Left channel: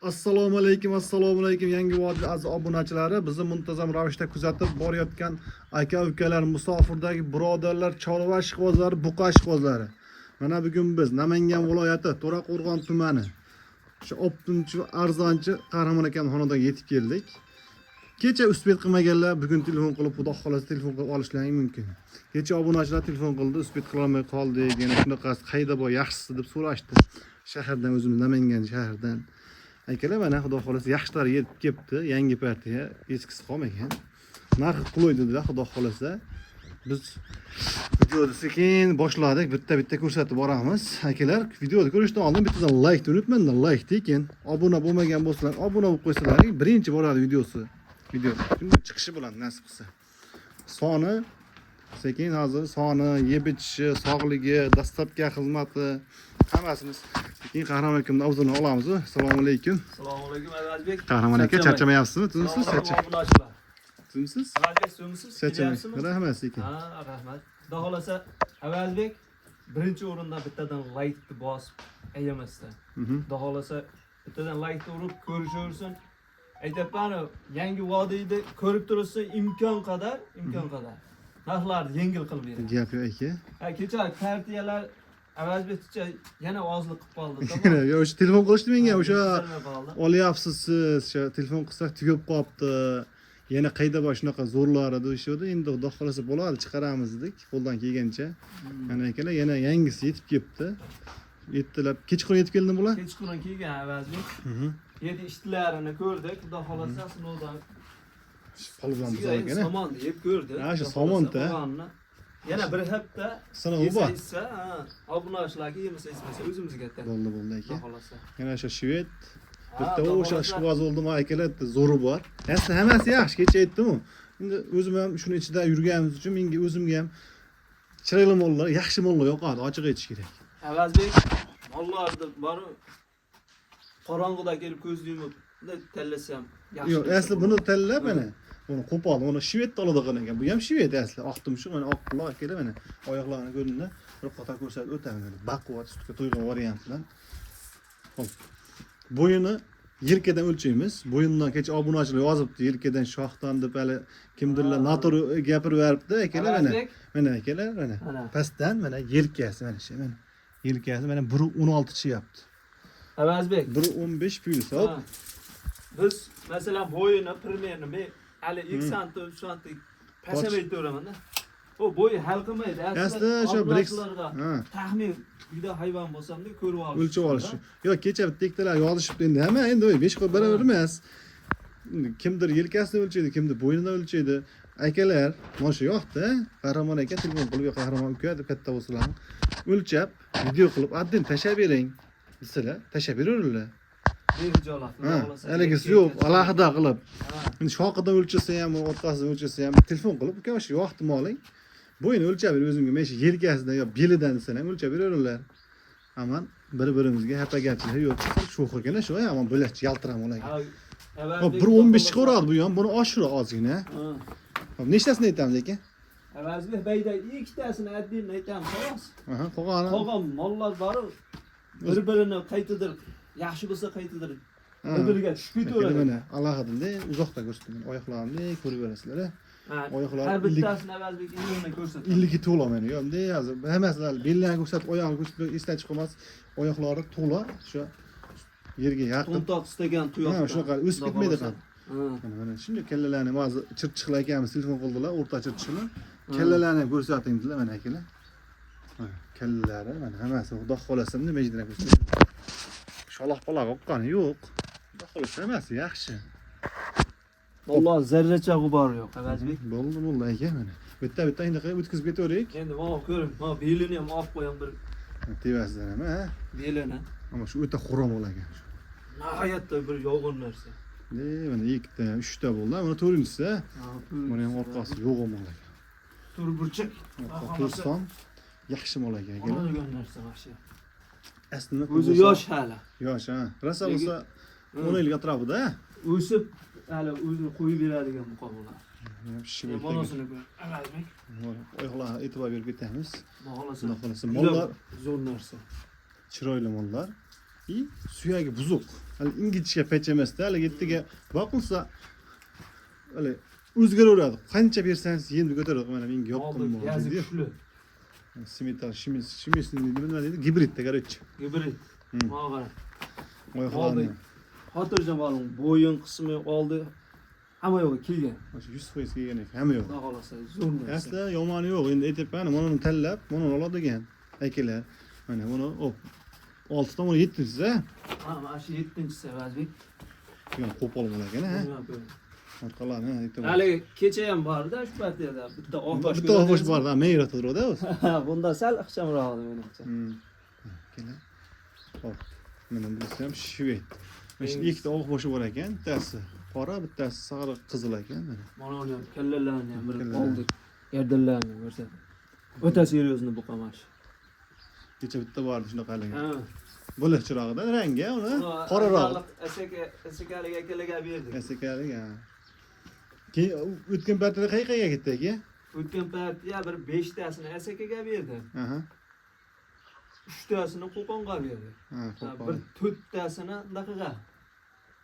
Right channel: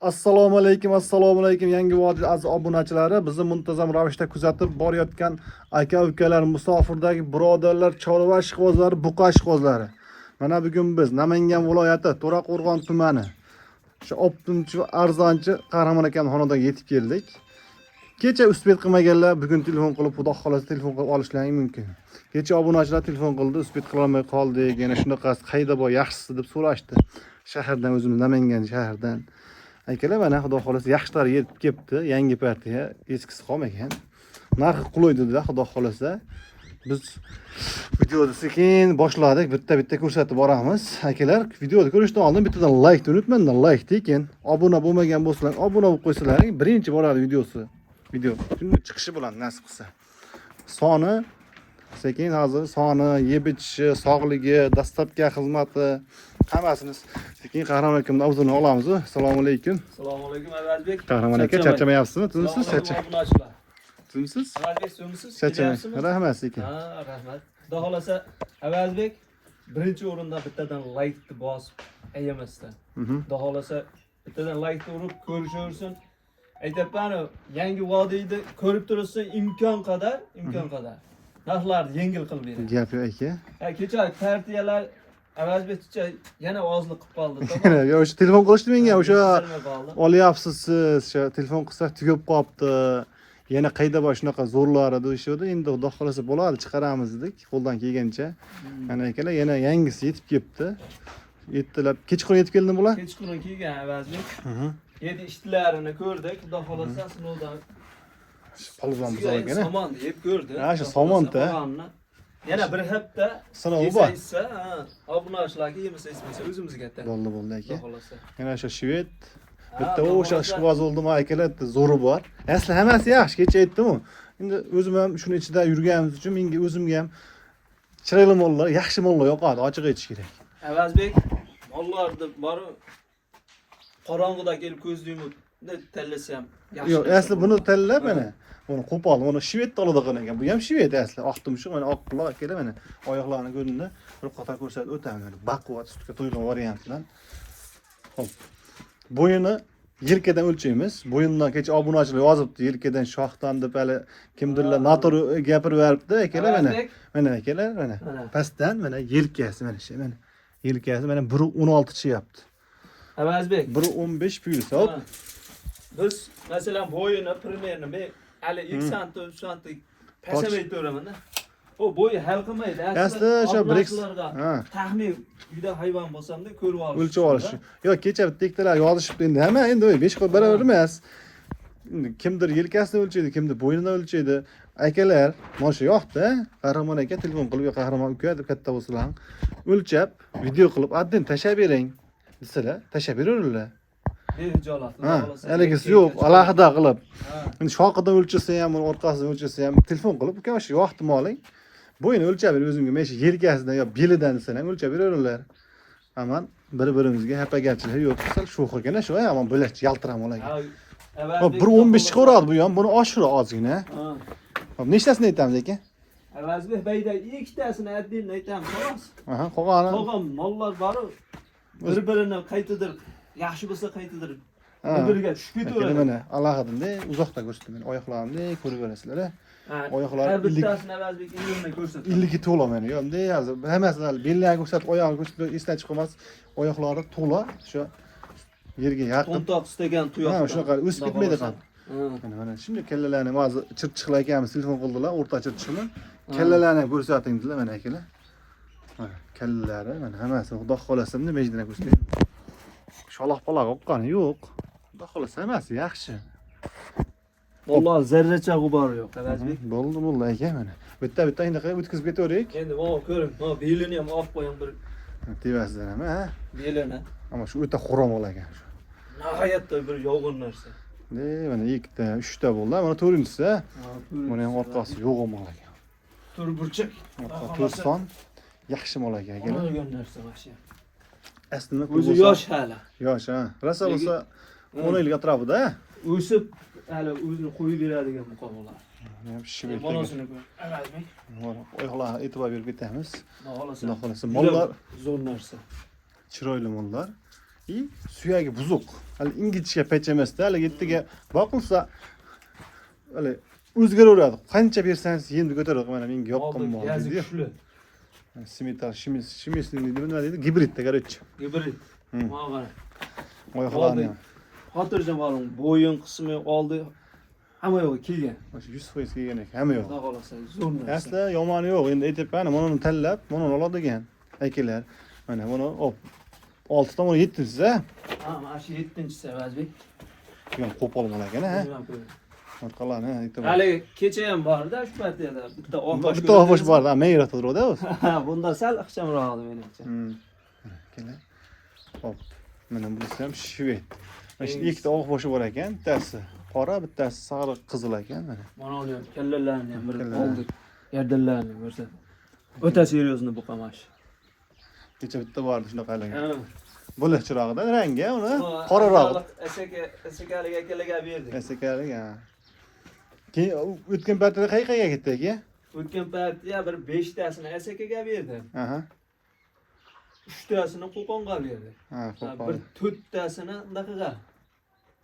Assalomu alaykum, assalomu alaykum. Yangi Vodiy aziz obunachilari, bizni muntazam ravishda kuzatib borayotgan aka-ukalar, musofirdagi birodarlar, chorva ishqibozlari, buqa ishqibozlari. Mana bugun biz Namangan viloyati To'raqo'rg'on tumani shu optimchi va arzonchi Qahramon akamning xonadoniga yetib keldik. Kecha uspet qilmaganlar bugun telefon qilib, xudo xolasa telefon qilib olishlari mumkin. Kecha obunachilar telefon qildi, uspet qila olmay qoldik. Yana shunaqasi qayda bor, yaxshisi deb so'rashdi. Shahardan o'zimiz Namangan shahardan. Akalar mana xudo xolasa yaxshilar yetib kelibdi, yangi partiya, eskisi qolmagan. Narxi qulay dedilar, xudo xolasa. Biz videoni sekin boshladik, bitta ko'rsatib boramiz. Akalar, videoni ko'rishdan oldin bittadan like unutmanglar, like tekin. Obuna bo'lmagan bo'lsalar, obuna bo'lib qo'ysalaring, birinchi boradi videosi. Video shunday chiqishi bilan nasib qilsa. Soni sekin hozir soni, yeb ichishi, sog'ligi, dastlabki xizmati hammasini sekin Qahramon akamning avzini olamiz. Assalomu alaykum. Assalomu alaykum Azizbek. Qahramon aka charchamayapsizmi? Tunsiz charchamayapsiz. Tunsiz? Azizbek tunsiz. Charchamayapsizmi? Rahmat sekin. Ha, rahmat. Xudo xolasa Azizbek birinchi o'rinda bittadan like bosib ayyamasdan. Xudo xolasa bittadan like urib ko'rishaversin. Aytayapman, yangi vodiyni ko'rib turibsan, imkon qadar narxlarni yengil qilib beradi. Gap yo'q aka. Ha, kecha partiyalar Azizbekcha yana ozlik qilib qoldi. Tamam. Yo, o'sha telefon qilishdi menga, o'sha olyapsiz siz, o'sha telefon qilsak tugab qolibdi. Yana qayda bor shunaqa zo'rlari deyishdi. Endi xudo xolasa bo'ladi, chiqaramiz dedik, qo'ldan kelgancha. Mana akalar yana yangisi yetib kelibdi. Yetdilar. Kechqurun yetib keldim bular? Kechqurun kelgan Azizbek. Yedi ishlarini ko'rdik, xudo xolasa sinovdan Polvon bizga somon deb ko'rdi. Ha, shu somonda. Yana bir hafta sinovi bor. Obunachilarga yemasa ismasa o'zimizga aytadi. Bo'ldi aka. Xudo xolasa. Yana o'sha shved bitta o'sha ishqiboz oldimi akalar, zo'ri bor. Asli hammasi yaxshi, kecha aytdim-ku. Endi o'zim ham shuni ichida yurganimiz uchun menga o'zimga ham chiroyli mollar, yaxshi mollar yoqadi, ochiq aytish kerak. Azizbek mollarni bor qorong'ida kelib ko'z yumib tanlasam yaxshi. Yo'q, asli buni tanlab mana buni qo'poldi. Buni shved oladi qilgan. Bu ham shved asli. Oq tumshuq, mana oq quloq akalar mana oyoqlarini ko'rindi. Bir qator ko'rsatib o'taman. Baquvvat sutga to'ygan variant bilan. Xo'p. Bo'yini yelkadan o'lchaymiz. Bo'yindan kecha obunachilar yozibdi, yelkadan shoxdan deb hali kimdirlar noto'g'ri gapirib beribdi akalar mana. Mana akalar mana. Pastdan mana yelkasi mana shu mana. Yelkasi mana 1.16 chiyapti. Azizbek 1.15 plyus. Hop. Biz masalan bo'yini primerni men hali 2 sant 3 sant pasamay to'raman-da. O bo'yi hal qilmaydi. Asli o'sha Brix taxmin uyda hayvon bo'lsam-da ko'rib olish. O'lchab olish. Yo'q, kecha bittalar yozishibdi endi. Hamma endi 5 qo'l barobar emas. Kimdir yelkasini o'lchaydi, kimdir bo'yinini o'lchaydi. Akalar, mana shu yoqda Qahramon aka telefon qilib, Qahramon uka deb katta bo'lsalar, o'lchab, video qilib, adden tashab bering. Desalar, tashab beraverlar. Haligisi yo'q, alohida qilib. Endi shoqidan o'lchasa ham, orqasidan o'lchasa ham telefon qilib, uka shu yoqni moling. Bo'yini o'lchab ber o'zimga, men shu yelkasidan yo belidan desam ham o'lchab beraverlar. Aman bir-birimizga hapagarchilik yo'q. Shu xilgina shu, aman bo'lash yaltiram olayga. Hop, 1.15 chiqaradi bu ham, buni oshirib ozgina. Hop, nechtasini aytamiz aka? Azizbek bayda ikkitasini addenni aytamiz, xolos. Aha, qolgani. Qolgan mollar bor. Bir-birini qaytadirib, yaxshi bo'lsa qaytadirib, bir-biriga tushib ketaveradi. Mana alohida uzoqda ko'rsataman, oyoqlarimni ko'rib berasizlar. Oyoqlar har bittasini Azizbek endi ko'rsatadi. 50 to'la mana. Yo'q, bunday hozir hammasini bellarni ko'rsatib, oyog'ini ko'rsatib esdan chiqmas, oyoqlari to'la, shu yerga yaqin. To'ntoq istagan tuyoq. Ha, shunaqa o'sib ketmaydi ham. Mana shunday kallalarni hozir chirchiqlar akamiz telefon qildilar, o'rta chirchiqlar. Kallalarni ko'rsating dedilar mana akalar. Mana kallalari, mana hammasi xudo xolasa bunday mejdan ko'rsatdim. Shaloq-paloq o'qqani yo'q. Xudo xolasa hammasi yaxshi. Valloh zarracha g'ubori yo'q, Azizbek. Bo'ldi aka mana. Bitta endi qilib o'tkazib ketaverik. Endi mana ko'ring, mana belini ham olib qo'ying bir. Tevasidan ham, ha? Belini. Ammo shu o'ta xurom olagan. Nihoyatda bir yog'in narsa. Mana 2 ta, 3 ta bo'ldi. Mana 4-inchisi. Mana ham orqasi yo'q olagan. Tur burchak. To'rson yaxshi mol ekan. Olgan narsa yaxshi. Aslida o'zi yosh hali. Yosh, ha. Rosa bo'lsa 10 yilga atrofida. O'sib hali o'zini qo'yib beradigan muqobillar. Monosini ko'r. Azizbek. Oyoqlarga e'tibor berib ketamiz. Xudo xolasa Mollar zo'r narsa. Chiroyli mollar. suyagi buzuq. Hali ingichka pech emasda, hali yettiga boqilsa hali o'zgaraveradi. Qancha bersangiz endi ko'taradi. Mana menga yoqqan Oldi, mol yazi deydi. kuchli. Simitar, shimisini nima deydi? Gibridda, короче. Gibrid. Hmm. Mana Oyoqlarni. xotirjam bo'ling. Bo'yin qismi oldi. Hamma yo'q kelgan. O'sha 100% kelgan ekan, hamma yo'q. Xudo xolasa zo'r narsa. Aslida yomoni yo'q. Endi aytyapman, buni tanlab, buni oladigan akalar. Mana buni op. 6 ta, 7-si, ha? Ha, mana shu 7-chisi Avazbek. Yo'q, qo'pol bo'lar ekan, ha? Orqalarni aytib. Hali kecha ham borda shu partiyada bitta oqbosh. Bitta oqbosh bor, ha, men yaratadi o'zi. Bunda sal ixchamroq edi menimcha. Kelar. Hop. Mana bunisi ham shved. Mana shu ikkita oqboshi bor ekan, bittasi qora, bittasi sariq qizil ekan mana. Mana uni ham kallalarni ham bir Kallalar. oldik. Gardinlarni ko'rsa. O'ta seryozni buqamash. Kecha bitta bor shunaqalar. Ha. Bo'liq chirog'idan rangi uni qoraroq. Asakalik akalarga berdik. Esekalik, ha. Keyin o'tgan paytda qayerga ketdi aka? O'tgan partiya bir 5 tasini asakaga berdi. Aha. 3 tasini Qo'qonga berdi. Ha, Bir 4 tasini Daqaga.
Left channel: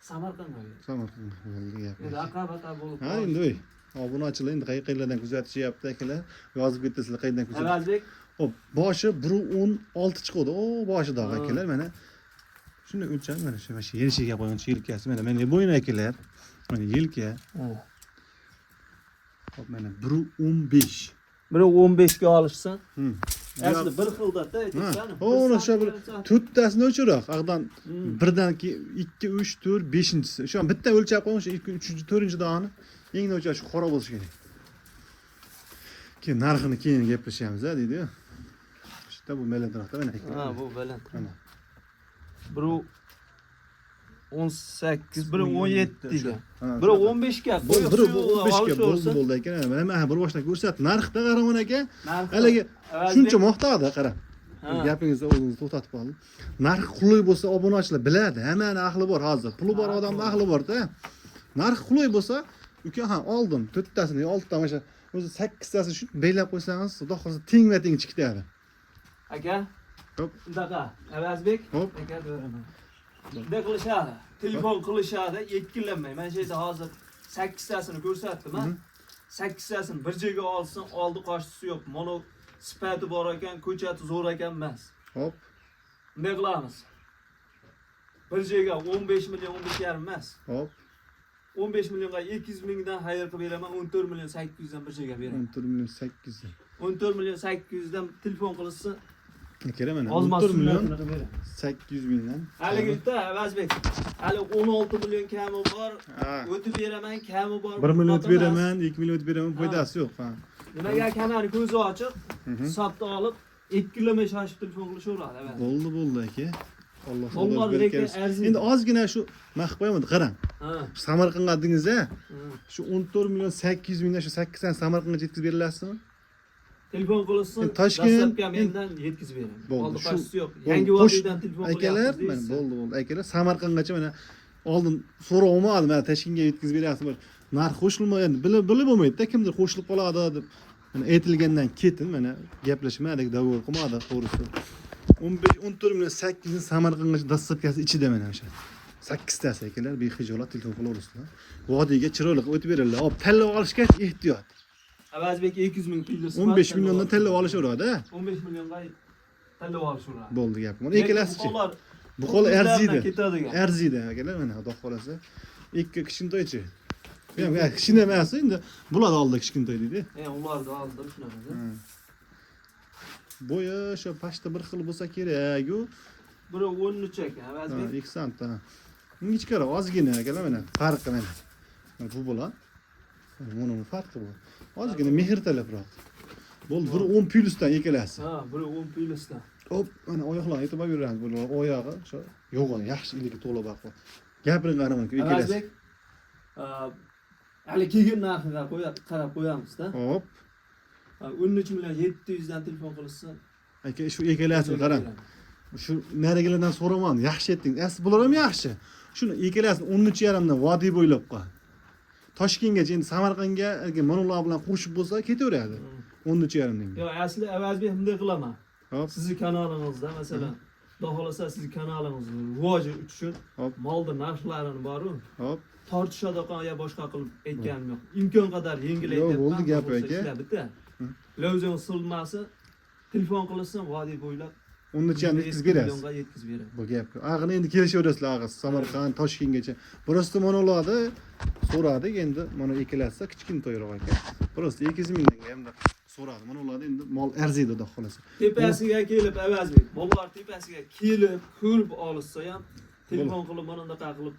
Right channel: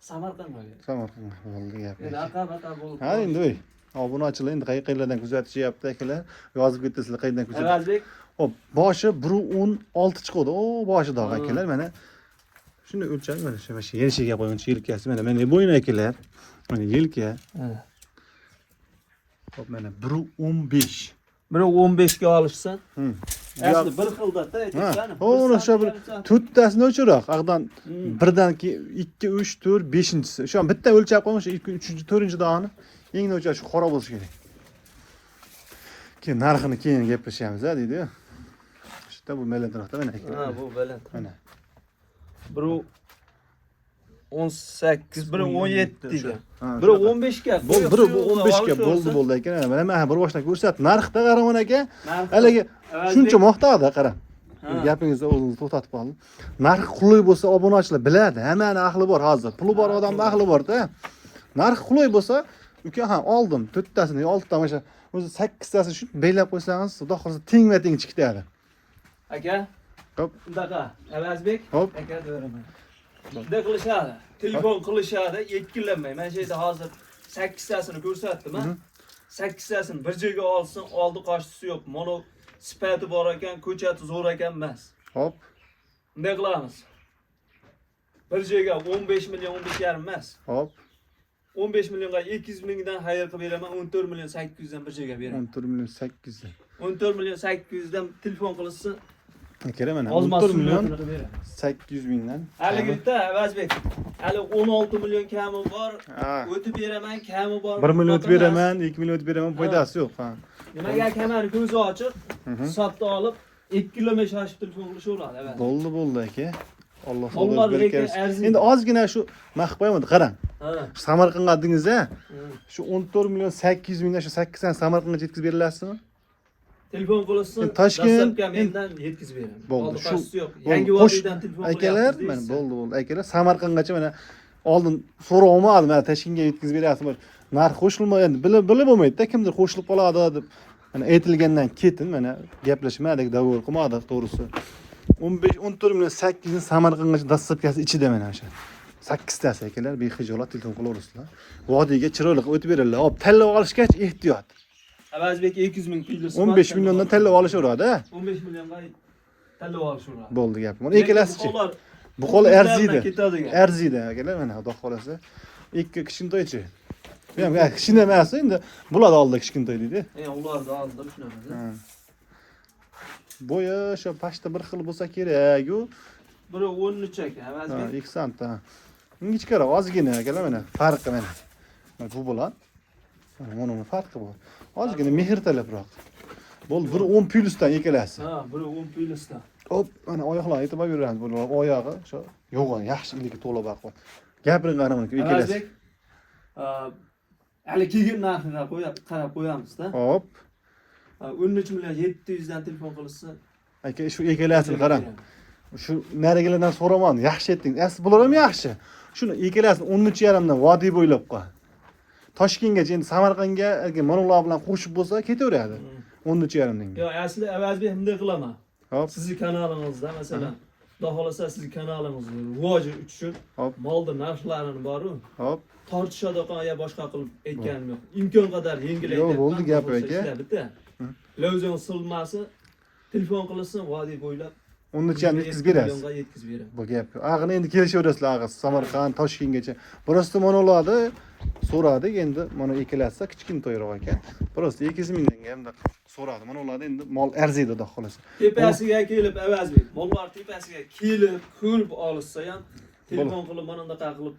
Samarqandga berdi. Samarqand bo'ldi gap. Endi aqab bo'lib. Ha, endi o'y. Obunachlar endi qayerlardan kuzatishyapti akalar. Yozib ketasizlar qayerdan kuzatib. Avazbek Hop, boshi 1.16 chiqadi. O, boshida akalar mana. Shuni o'lchab mana shu yerishiga qo'ygan yelkasi mana bo'yin akalar. Mana yelka. Hop, mana 1.15. buni 15 ga olishsan. Asli bir xilda-da Ha, o'sha bir to'rttasini o'chiroq. Aqdan birdan 2, 3, 4, 5-chisi. Shu an bitta o'lchab qo'ying, o'sha 2, 3, 4-chi dog'ini. Eng o'lchab shu qora bo'lishi kerak. Keyin narxini keyin gaplashamiz, ha, deydi. Shunda bu meladroqda mana Ha, ekan. bu baland. Mana. Biri 18, biri 17 deydi. Ha, Biri 15 ga. Biri 15 ga bo'ldi ekan. Mana bir boshdan ko'rsat. Narxda qaraman aka. Haligi shuncha maqtadi, qara. Gapingizni o'zingiz to'xtatib qoling. Narx qulay bo'lsa obunachilar biladi. Hammani aqli bor hozir. Puli bor odamning aqli bor-da. Narx qulay bo'lsa, uka ha oldim 4 tasini, 6 ta o'sha o'zi 8 tasini shu belab qo'ysangiz, xudo xolasa tengma-teng chiqadi. Aka. Hop. Bundaqa Avazbek. Hop. Aka deyveraman. Bunday qilishadi. Telefon qilishadi, ikkilanmay. Mana shu yerda hozir 8 tasini ko'rsatdim, ha. 8 tasini bir joyga olsin, oldi qo'shtisi yo'q. Mana sifati bor ekan, ko'chati zo'r ekan emas. Hop. Bunday qilamiz. Bir joyga 15 million, 15,5 emas. Hop. 15 millionga 200 mingdan xayr qilib beraman, 14 million 800 dan bir joyga beraman. 14 million 800. 14 million 800 dan telefon qilinsa, Kerak mana. ozmas 14 million beraman. 800 mingdan. Haligida Avazbek, hali 16 million kami bor. Ha. O'tib beraman, kami bor. 1 million o'tib beraman, 2 million o'tib beraman, foydasi yo'q, ha. Nimaga kamari ko'zi ochiq, hisobda olib 2 kilometr shoshib telefon qilishaveradi, Avazbek. Bo'ldi aka. Alloh Mollar xudo lekin bersin. arziydi. Endi ozgina shu maqboyman, qarang. Ha. Samarqandga adingiz-a? Shu 14 million 800 mingdan shu 8 tan Samarqandga yetkazib berilasizmi? Telefon qilinsin, Toshkent- dastlabki mendan yetkazib beraman. Bo'ldi, Oldi shu- qo'shisi yo'q. bo'ldi, Yangi qo'sh- vodiydan telefon Akalar, mana bo'ldi. Akalar Samarqandgacha mana oldin so'rab olmadim, mana Toshkentga yetkazib beryapsizmi? Narx qo'shilmagan, bilib bo'lmaydi-da, kimdir qo'shilib qoladi deb. Mana aytilgandan ketin mana gaplashmadik, davr qilmadik to'g'risi. 14 million 800 ni Samarqandgacha dastlabkasi ichida mana o'sha. 8 tasi akalar bexijolat telefon qilaverasizlar. Vodiyga chiroyli qilib o'tib beradilar. Hop, tanlab olishgach ehtiyot. Avazbek 200 ming pulni 15 milliondan tanlab olishaveradi, ha? 15 millionga tanlab olishaveradi. Bo'ldi gap. Buni ikkalasichi. Ular Bu qo'li arziydi. ketadigan. Arziydi akalar mana xudo xolasa. Ikki kichkintoychi. Yo'q, kichkina emas, endi bo'ladi oldi kichkintoy deydi. Ularni oldim shunaqa. Bo'yi shu pashta bir xil bo'lsa kerak-ku. Biri 13 ekan, Ha, Avazbek. 2 sant. Ingichkaroq, ozgina akalar mana farqi mana. Mana bu bilan mana buni farqi bor. Ozgina mehr talabroq. Bo'ldi, biri 10 plyusdan ikkalasi. Ha, biri 10 plyusdan. Hop, mana oyoqlarni aytib beramiz. Bu oyog'i shu yo'g'on, yaxshi iligi to'la baqo. Gapiring qaraman ikkalasi. Avazbek, hali keyin narxiga qarab qo'yamiz-da. Hop. 13 million 700 dan telefon qilinsa, Aka shu ikkalasini qarang. Shu narigilardan so'ramadim, yaxshi aytding. Asli bular ham yaxshi. Shuni ikkalasini 13,5 dan vodiy bo'ylab qo'y. Toshkentgacha endi Samarqandga mana ular bilan qo'shib bo'lsa ketaveradi. 13,5 dan. Yo'q, asli Avazbek bunday qilaman. Hop. Sizni kanalingizda masalan Xudo xolasa sizning kanalingizni rivoji uchun Hop. molda narxlarini boru Hop. tortishadigan ya boshqa qilib aytganim yo'q. Imkon qadar yengil Yo'q, aytyapman. bo'ldi gap bo'lsa aka. ishlar bitta. Lozing silmasi telefon qilinsin vodiy bo'ylab Uni uchun yetkazib berasiz. millionga yetkazib beraman. Bu gap. Ag'ini endi kelishaverasizlar ag'iz. Samarqand, Toshkentgacha. Prosta mana ularni so'radik endi mana ikkalasi kichkina to'yroq aka. Prosta 200 mingga ham so'radi. Mana ularni endi mol arziydi xudo xolasa. Tepasiga kelib avazbek. Mollar tepasiga kelib ko'rib olishsa ham telefon qilib mana bunaqa qilib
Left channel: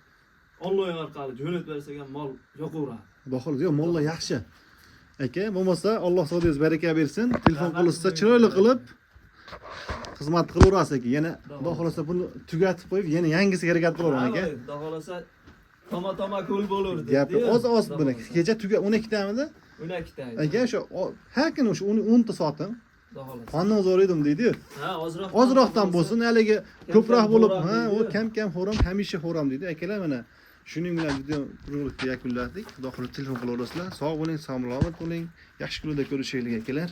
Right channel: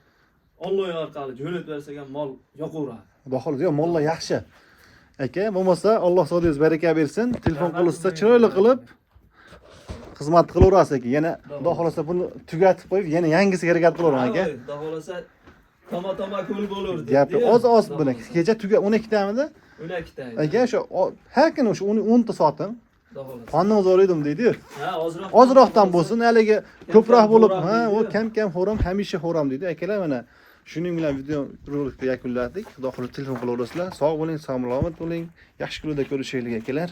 onlayn orqali jo'natib bersak ham mol yoqaveradi. Xudo xolasa, yo mollar yaxshi. Aka, bo'lmasa Alloh sodiyoz baraka bersin. Telefon qilishsa chiroyli qilib xizmat qilaverasiz aka. Yana xudo xolasa buni tugatib qo'yib, yana yangisiga harakat qilaman aka. Xudo xolasa toma ko'l bo'lardi. Gapi oz buni. Kecha 12 tamida. 12 ta. Aka, o'sha har kuni o'sha 10 ta sotim. Xudo xolasa. Qondan zo'r edim deydi-yu. Ha, Ozroqdan bo'lsin, haligi ko'proq bo'lib, ha, u kam xo'ram, hamisha xo'ram deydi. Akalar mana shuning bilan video rolikni yakunladik. Xudo xolasa telefon qilaverasizlar. Sog' bo'ling, salomat bo'ling. Yaxshi kunlarda ko'rishaylik akalar.